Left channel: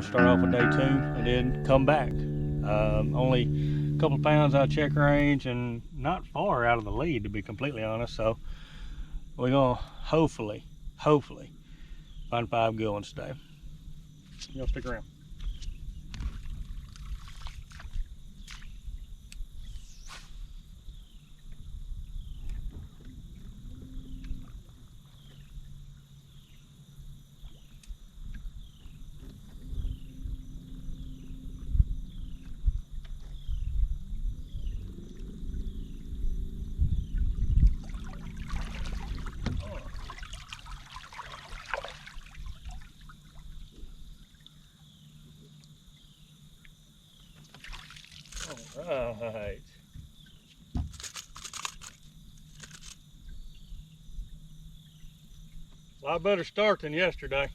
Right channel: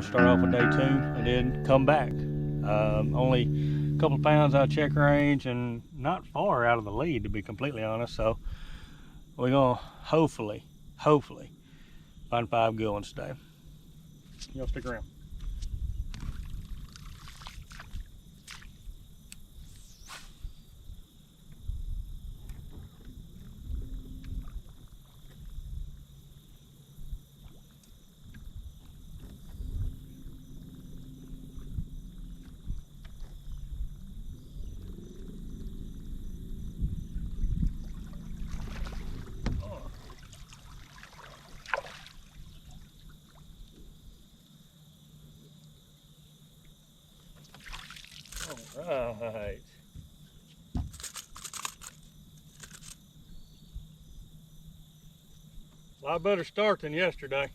gonna start off with day 2 and then come back. Only a couple of pounds out of check range and not far out of the lead, to be completely honest. So we're gonna hopefully find 5 good ones today. Y'all stick around. All right. A lot better start than yesterday.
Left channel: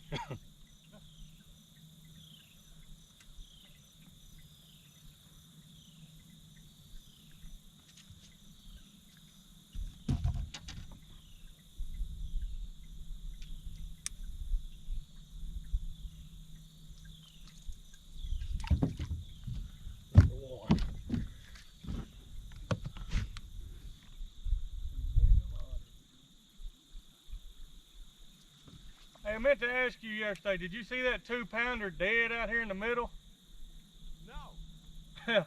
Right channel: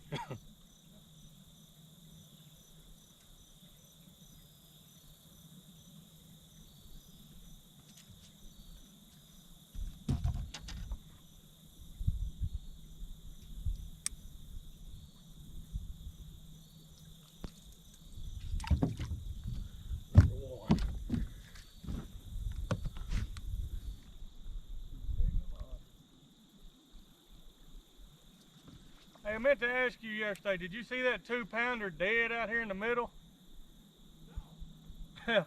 Hey, I meant to ask you yesterday, did you see that 2-pounder dead out here in the middle? No.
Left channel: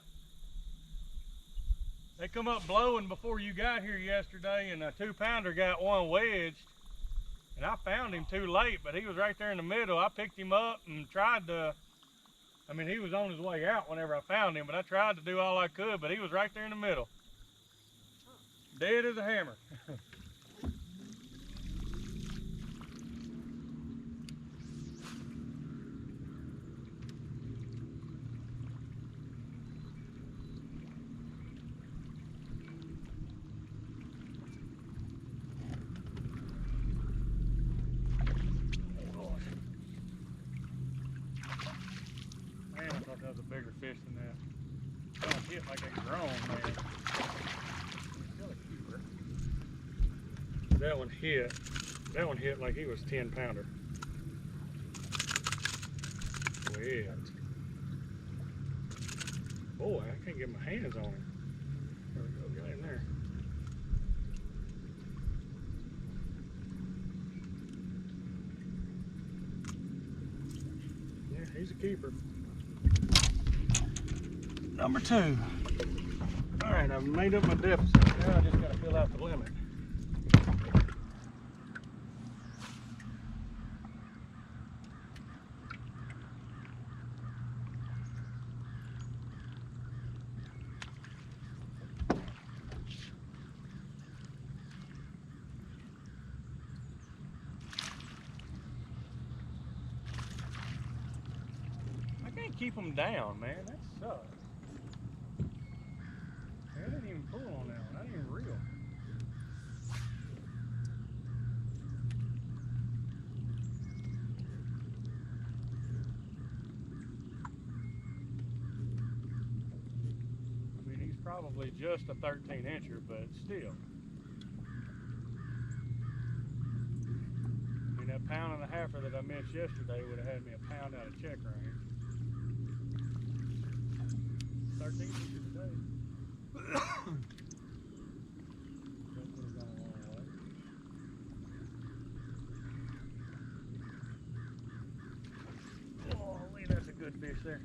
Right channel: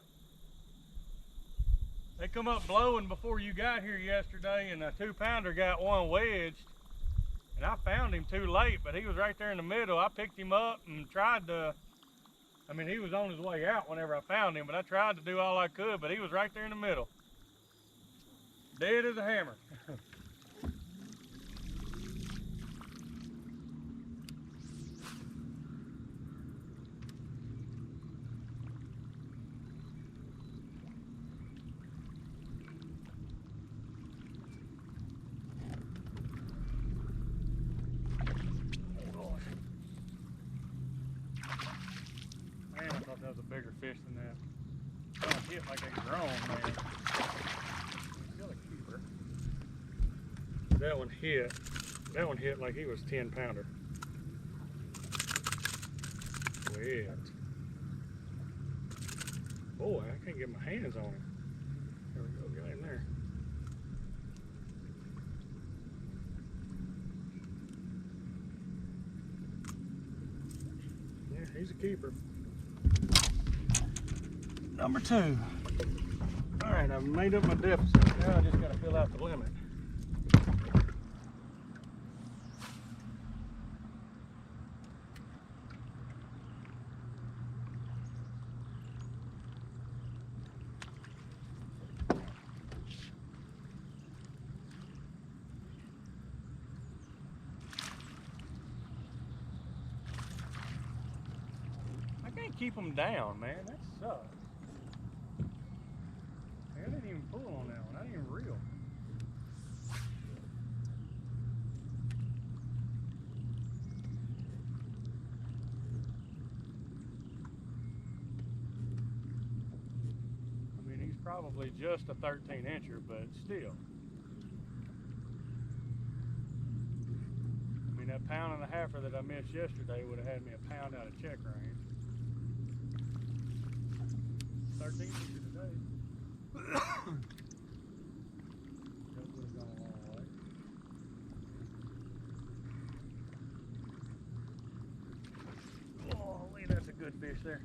They come up blowing before you got here yesterday, and a 2-pounder got one wedged. And I found him too late, but he was right there in the middle. I picked him up and tried to, I mean, he was on his way out whenever I found him, but I tried to do all I could, but he was right there in the middle. Dead as a hammer. Man, I thought that was a bigger fish than that. I don't hit like a grown man. He's still a keeper. That one hit like he was 10-pounder. Wet. Boy, I can't get my hands on him. There we go, got him there. Yeah, he's a keeper. Number 2. All right, I've made up my deficit. Now I just gotta fill out the limit. I can't keep them down, man. That sucks. I didn't even pull on that one. I didn't even reel. I mean, he's probably just a 13-incher, but still. I mean, that 1.5-pounder that I missed yesterday would have had me a pound out of check range. 13-incher today. Golly, that's a good fish there.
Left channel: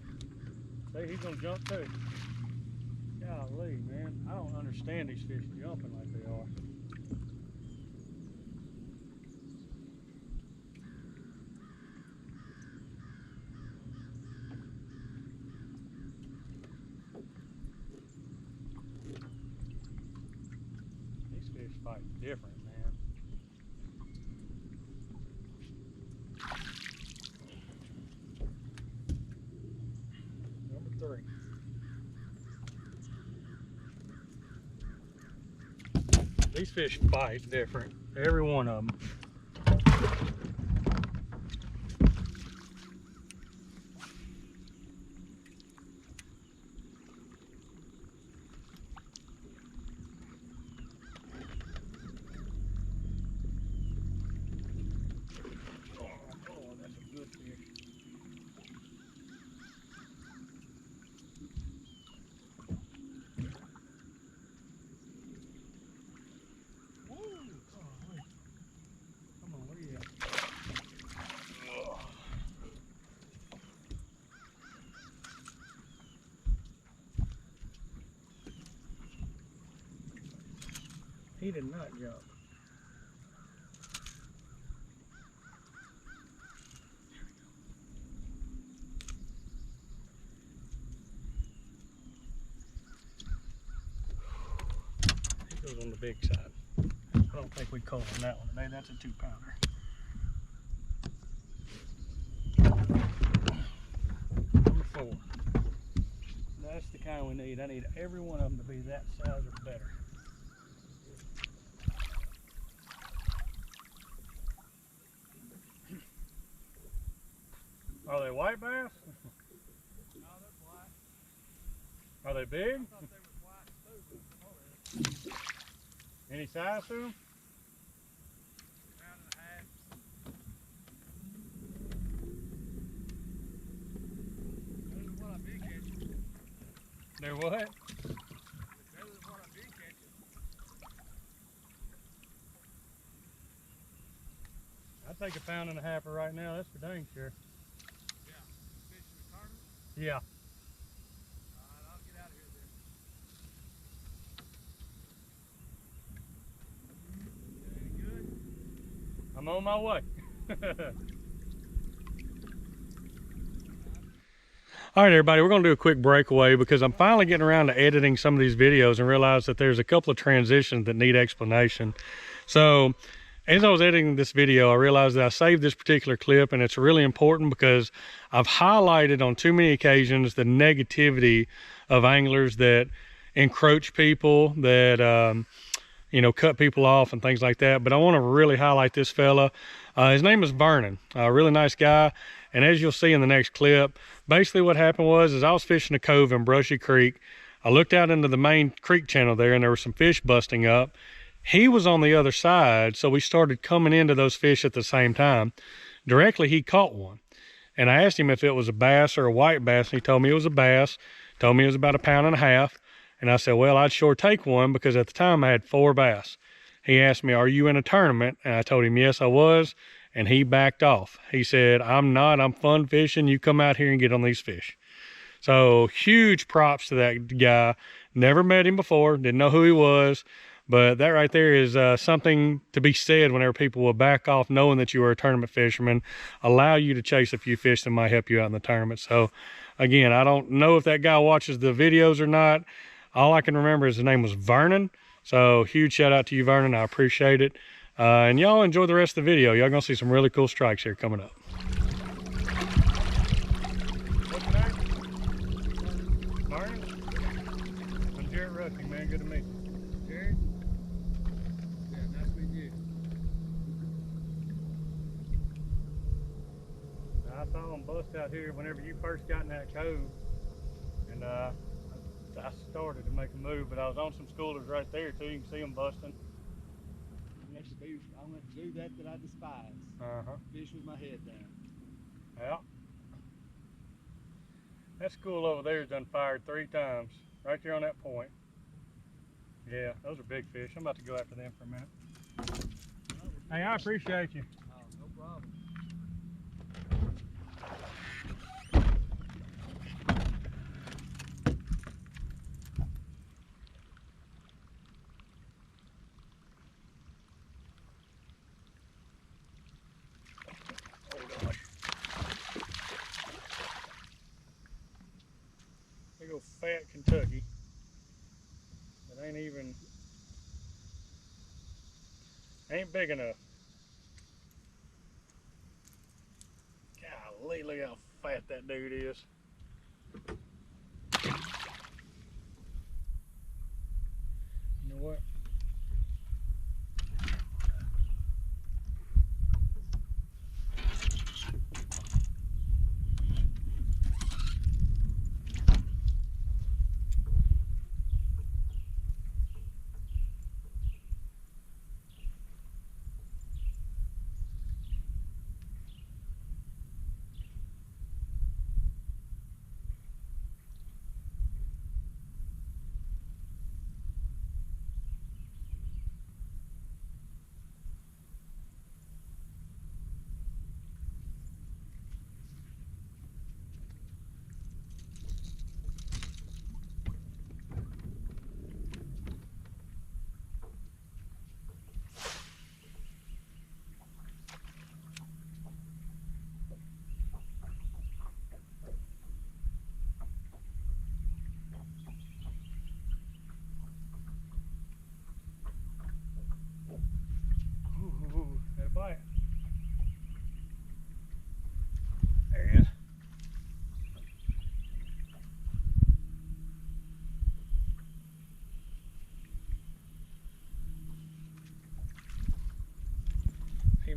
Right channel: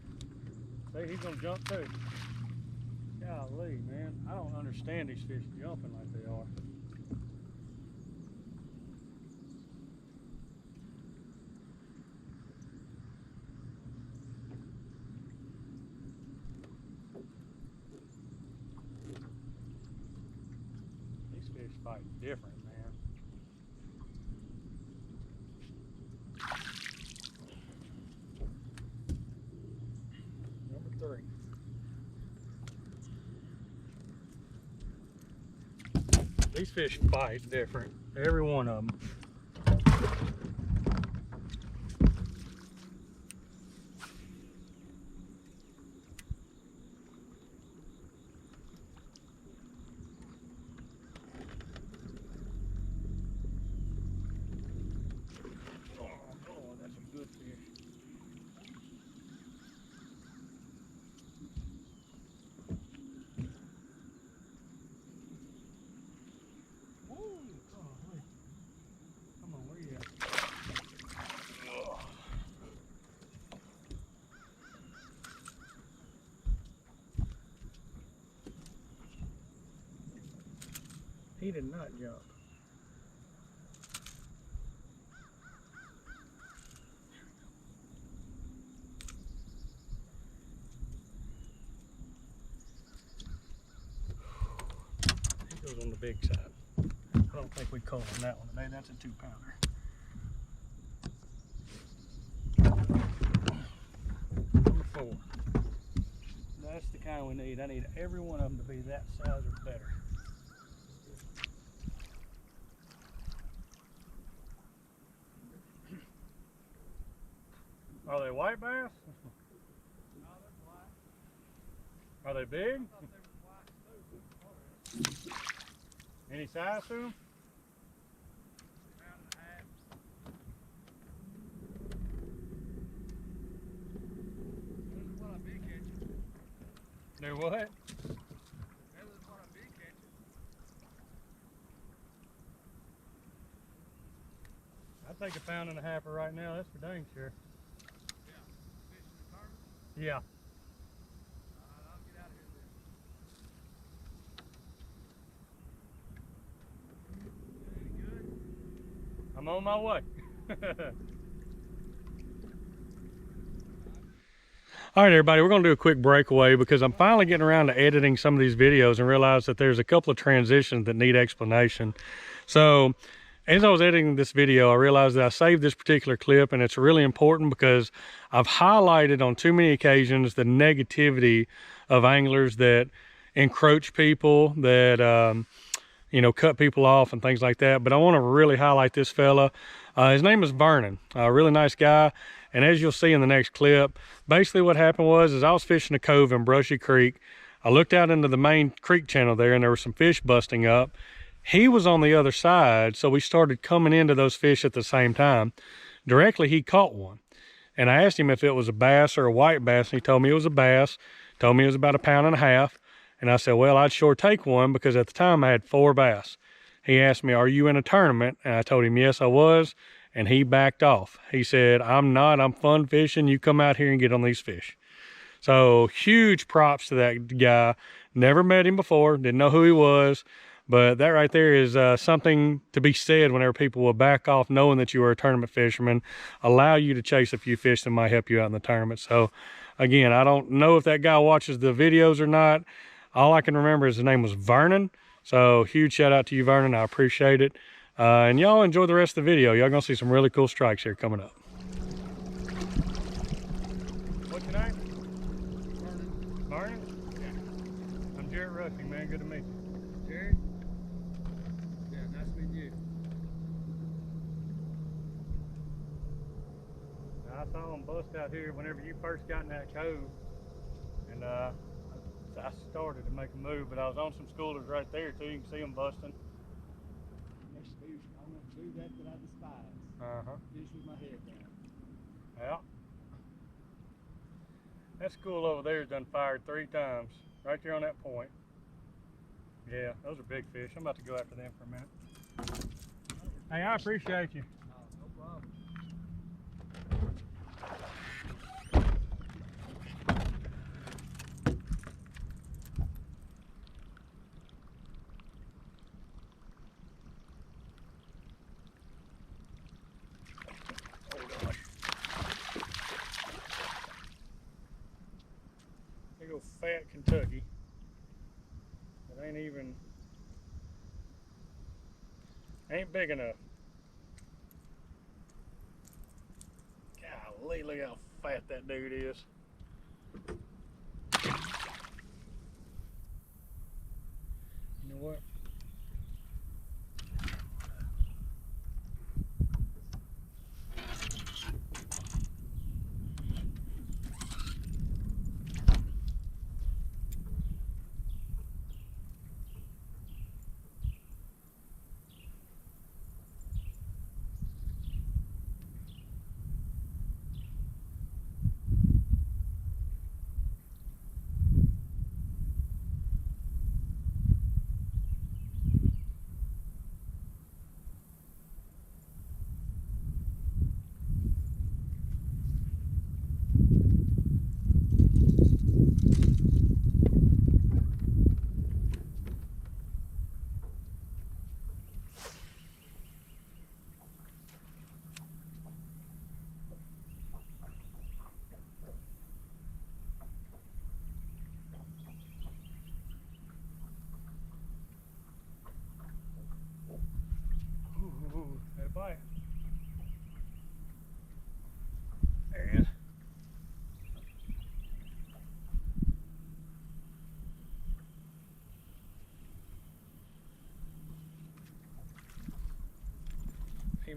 See, he's gonna jump too. Golly, man, I don't understand these fish jumping like they are. Fish fight different, man. Number 3. These fish fight different, every one of them. He did not jump. He goes on the big side. I don't think we caught on that one today. That's a 2-pounder. Number 4. That's the kind we need. I need every one of them to be that size or better. Are they white bass? No, they're black. Are they big? I thought they were white too. Any size to them? Pound and a half. Better than what I've been catching. They're what? Better than what I've been catching. I'd take a 1.5 pounds right now. That's for dang sure. Yeah. Fishing the tournament? Yeah. Alright, I'll get out of here then. Any good? I'm on my way. All right, everybody, we're going to do a quick breakaway because I'm finally getting around to editing some of these videos and realize that there's a couple of transitions that need explanation. So as I was editing this video, I realized that I saved this particular clip, and it's really important because I've highlighted on too many occasions the negativity of anglers that encroach people, that you know, cut people off and things like that. But I want to really highlight this fella. His name is Vernon, a really nice guy. And as you'll see in the next clip, basically what happened was I was fishing a cove in Brushy Creek. I looked out into the main creek channel there, and there were some fish busting up. He was on the other side, so we started coming into those fish at the same time. Directly, he caught one. And I asked him if it was a bass or a white bass, and he told me it was a bass. Told me it was about 1.5 pounds. And I said, well, I'd sure take one, because at the time I had 4 bass. He asked me, are you in a tournament? And I told him, yes, I was. And he backed off. He said, I'm not, I'm fun fishing. You come out here and get on these fish. So huge props to that guy. Never met him before, didn't know who he was. But that right there is something to be said whenever people will back off knowing that you are a tournament fisherman, allow you to chase a few fish that might help you out in the tournament. So again, I don't know if that guy watches the videos or not. All I can remember is his name was Vernon. So huge shout out to you, Vernon. I appreciate it. And y'all enjoy the rest of the video. Y'all gonna see some really cool strikes here coming up. What's your name? Vernon? I'm Jared Rushing, man. Good to meet you. Jared? Yeah, nice meeting you. I saw him bust out here whenever you first got in that cove. And I started to make a move, but I was on some schoolers right there too. You can see them busting. I went to do that I despise. Fish with my head down. Yeah. That school over there has done fired 3 times. Right there on that point. Yeah, those are big fish. I'm about to go after them for a minute. Hey, I appreciate you. Oh, no problem. Big old fat Kentucky. It ain't even, ain't big enough. Golly, look how fat that dude is. You know what?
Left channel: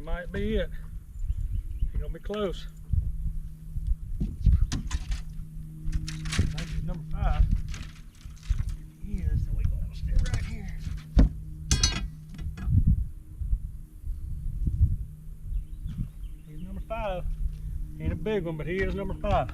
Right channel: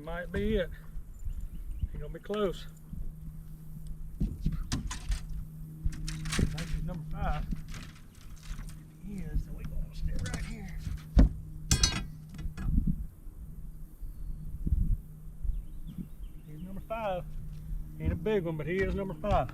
might be it. He's gonna be close. I think he's number 5. He is, so we're gonna stay right here. He's number 5. Ain't a big one, but he is number 5.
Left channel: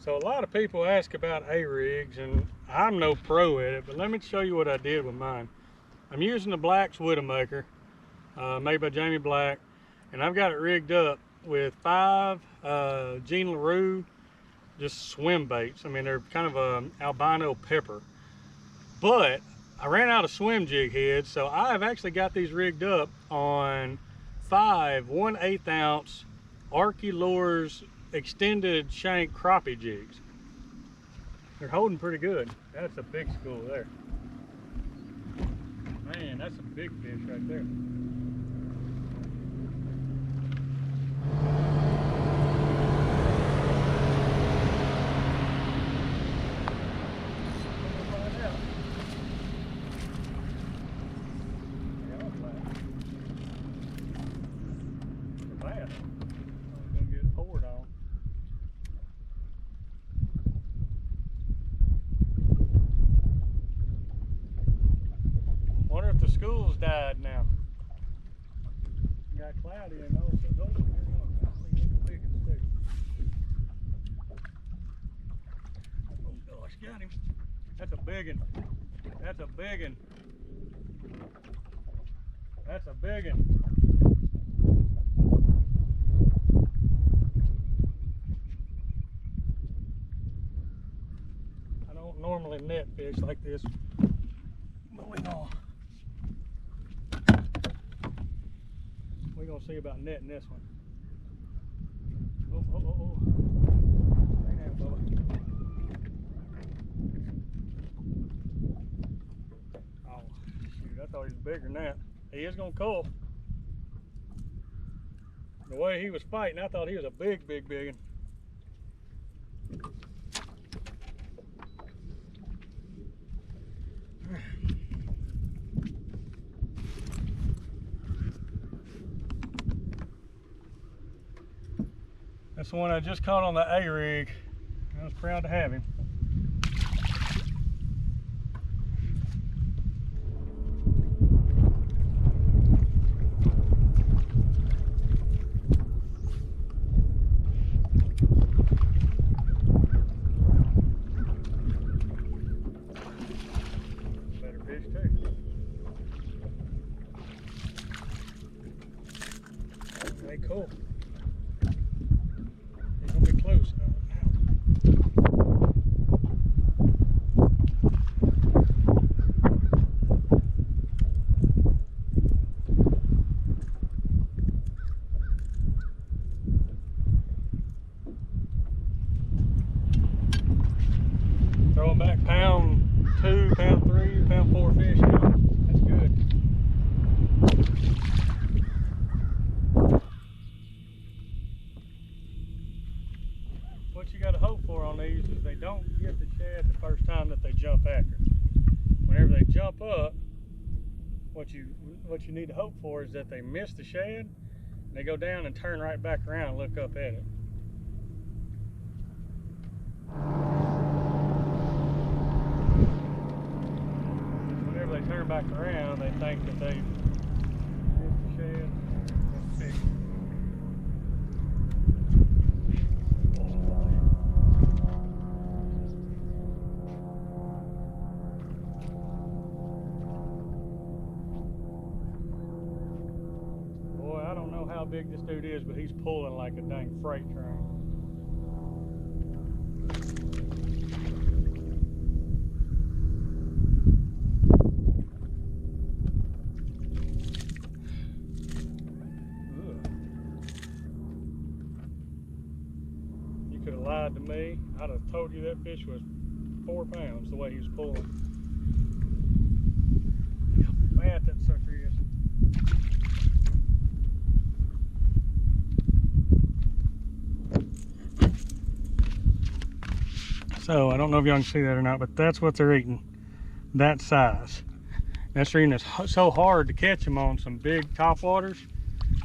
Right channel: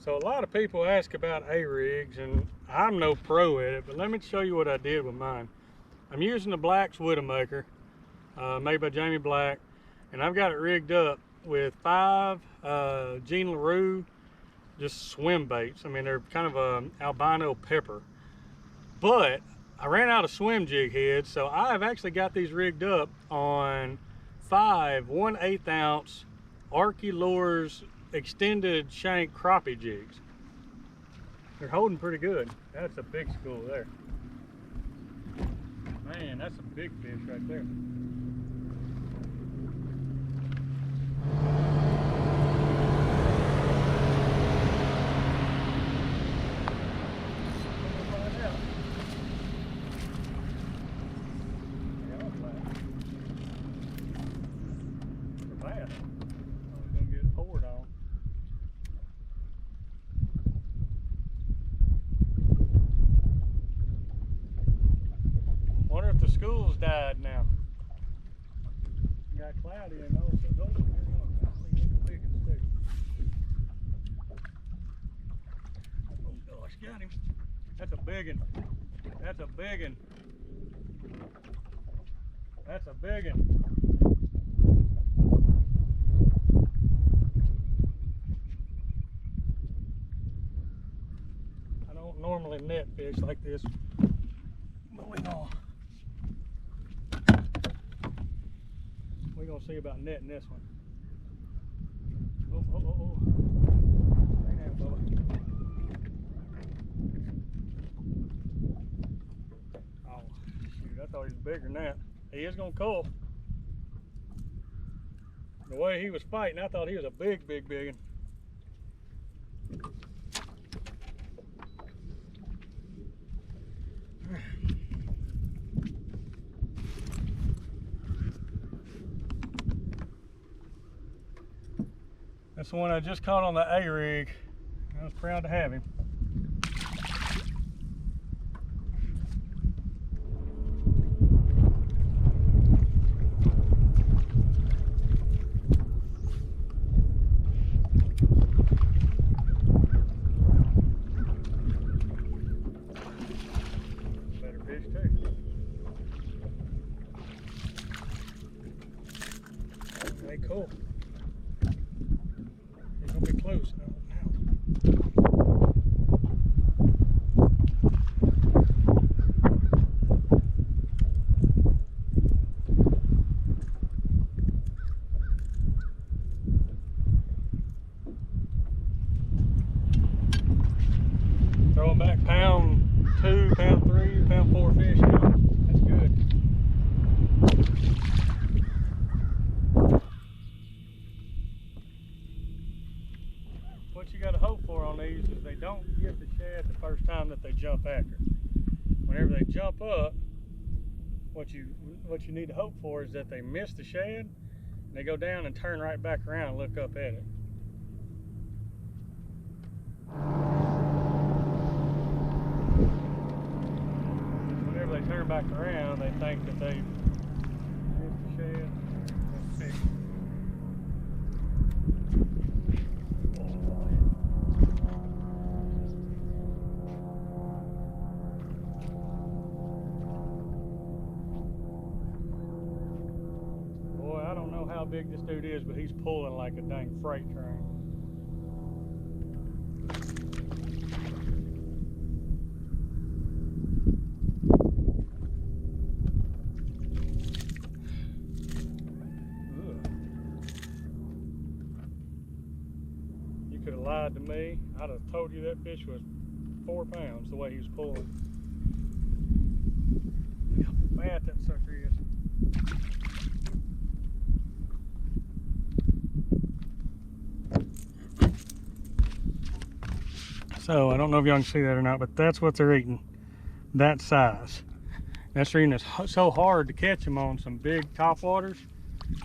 So a lot of people ask about A-rigs, and I'm no pro at it, but let me show you what I did with mine. I'm using the Black's Widowmaker, made by Jamie Black, and I've got it rigged up with 5 Jean LaRue just swim baits. I mean, they're kind of a albino pepper. But I ran out of swim jig heads, so I've actually got these rigged up on 5 1/8 ounce Arky Lures extended shank crappie jigs. They're holding pretty good. That's a big school there. Man, that's a big fish right there. Wonder if the school's died now. Got cloudy and all, so those are the biggest too. Oh gosh, got him. That's a big one. That's a big one. That's a big one. I don't normally net fish like this, but we're gonna see about netting this one. Oh. Stay down, fella. Oh, shoot, I thought he was bigger than that. He is gonna cull. The way he was fighting, I thought he was a big one. That's the one I just caught on the A-rig. I was proud to have him. Better fish too. Okay, cool. Close now. Throwing back pound 2, pound 3, pound 4 fish now. That's good. What you got to hope for on these is they don't get the shad the first time that they jump after. Whenever they jump up, what you need to hope for is that they miss the shad, and they go down and turn right back around and look up at it. Whenever they turn back around, they think that they missed the shad. Let's see. How big this dude is, but he's pulling like a dang freight train. Ugh. You could have lied to me. I'd have told you that fish was 4 pounds the way he was pulling. Look how So I don't know if y'all can see that or not, but that's what they're eating, that size. That's the reason it's so hard to catch them on some big topwaters,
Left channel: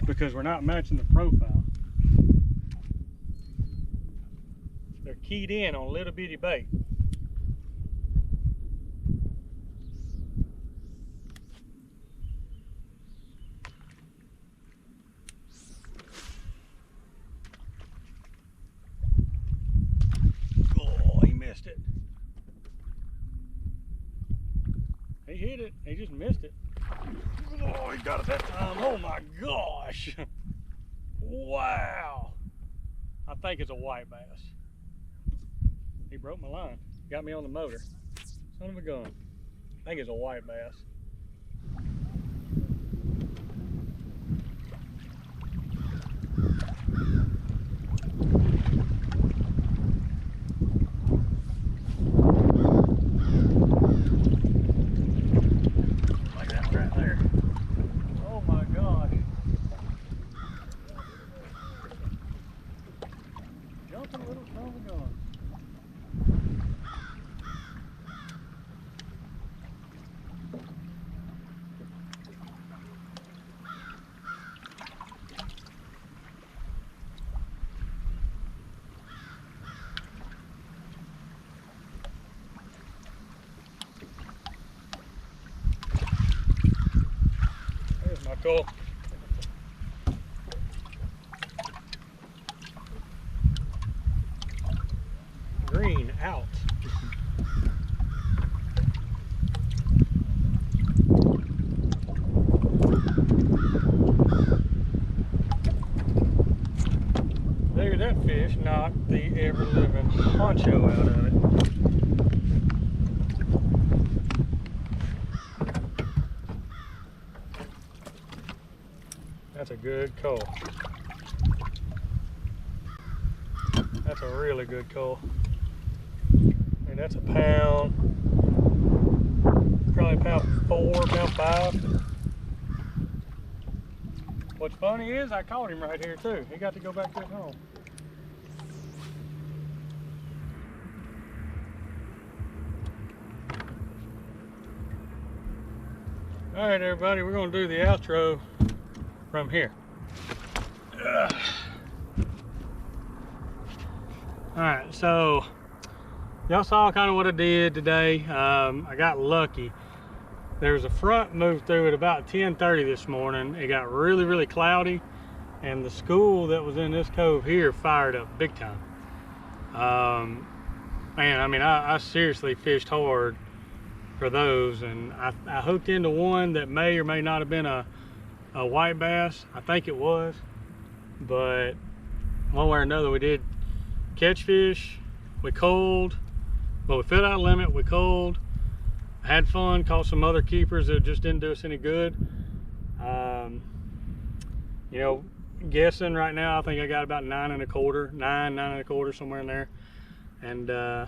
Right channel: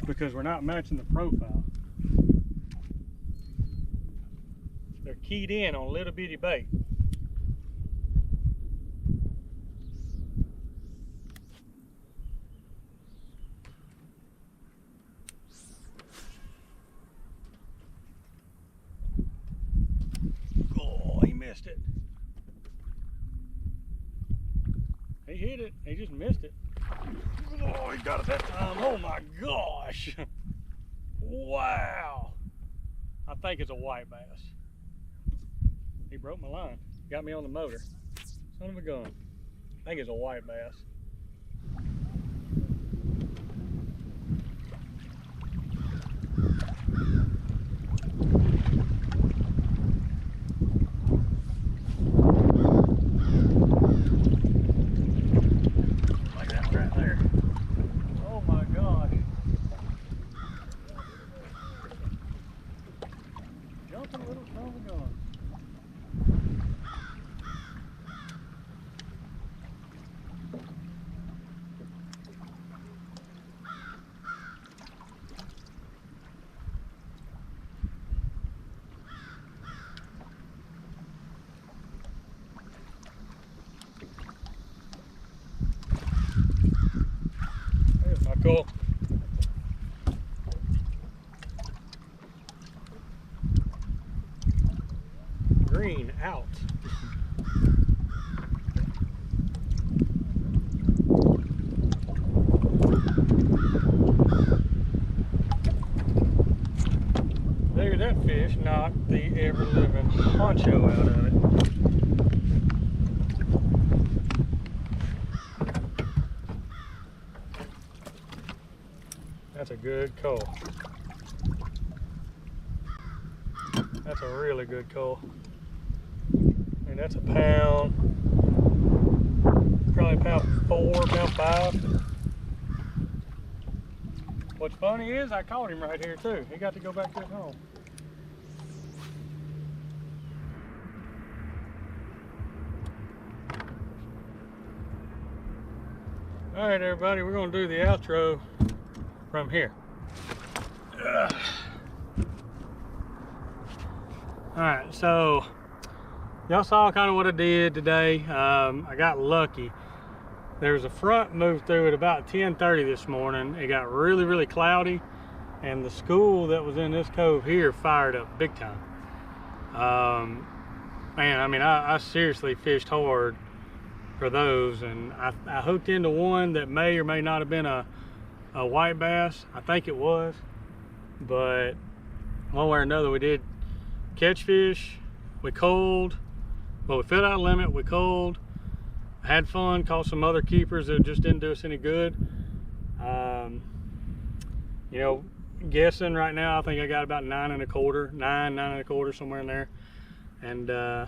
because we're not matching the profile. They're keyed in on little bitty bait. Oh, he missed it. He hit it, he just missed it. Oh, he got it that time. Oh my gosh. Wow. I think it's a white bass. He broke my line. Got me on the motor. Son of a gun. I think it's a white bass. Like that one right there. Oh my gosh. Jumping little son of a gun. There's my goal. Green out. There, that fish knocked the ever-living poncho out of it. That's a good call. That's a really good call. And that's a pound, probably pound 4, pound 5. What's funny is I caught him right here too. He got to go back to his home. All right, everybody, we're gonna do the outro from here. Ugh. All right, so y'all saw kind of what I did today. I got lucky. There was a front moved through at about 10:30 this morning. It got really, really cloudy, and the school that was in this cove here fired up big time. Man, I mean, I seriously fished hard for those, and I hooked into one that may or may not have been a white bass. I think it was, but one way or another we did catch fish. We culled, but we filled out a limit. We culled, had fun, caught some other keepers that just didn't do us any good. You know, guessing right now, I think I got about 9 1/4, somewhere in there, and I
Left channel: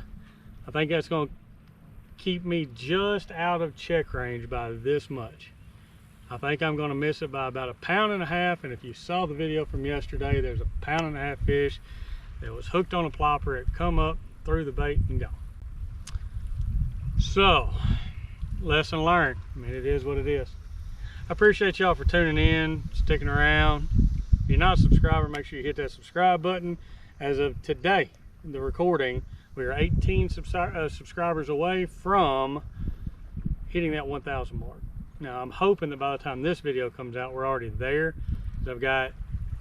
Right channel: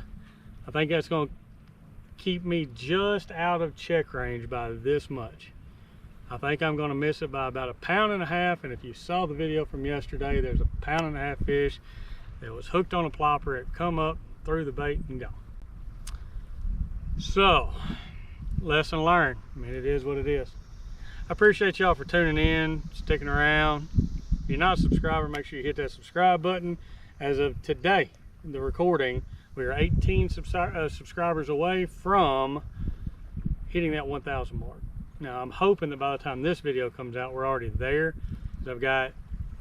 think that's going to keep me just out of check range by this much. I think I'm going to miss it by about 1.5 pounds, and if you saw the video from yesterday, there's a 1.5 pound fish that was hooked on a plopper. It come up, threw the bait, and gone. So, lesson learned. I mean, it is what it is. I appreciate y'all for tuning in, sticking around. If you're not a subscriber, make sure you hit that subscribe button. As of today, the recording, we are 18 subscribers away from hitting that 1,000 mark. Now, I'm hoping that by the time this video comes out, we're already there. I've got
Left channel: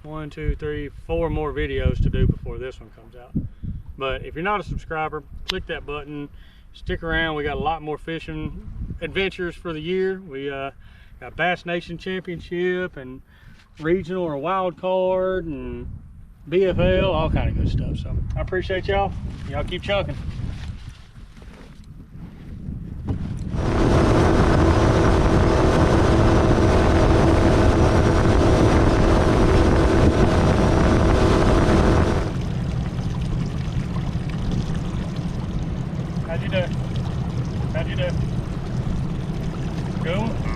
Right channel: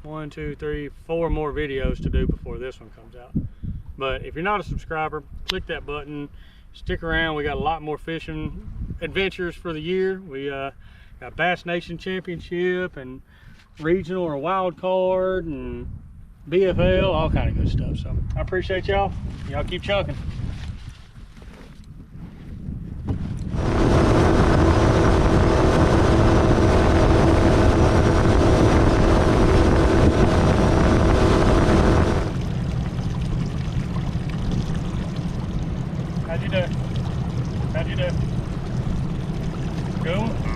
1, 2, 3, 4 more videos to do before this one comes out. But if you're not a subscriber, click that button, stick around. We got a lot more fishing adventures for the year. We got Bass Nation Championship and regional or wild card and BFL, all kind of good stuff. So I appreciate y'all. Y'all keep chunking. How'd you do? How'd you do? Cool?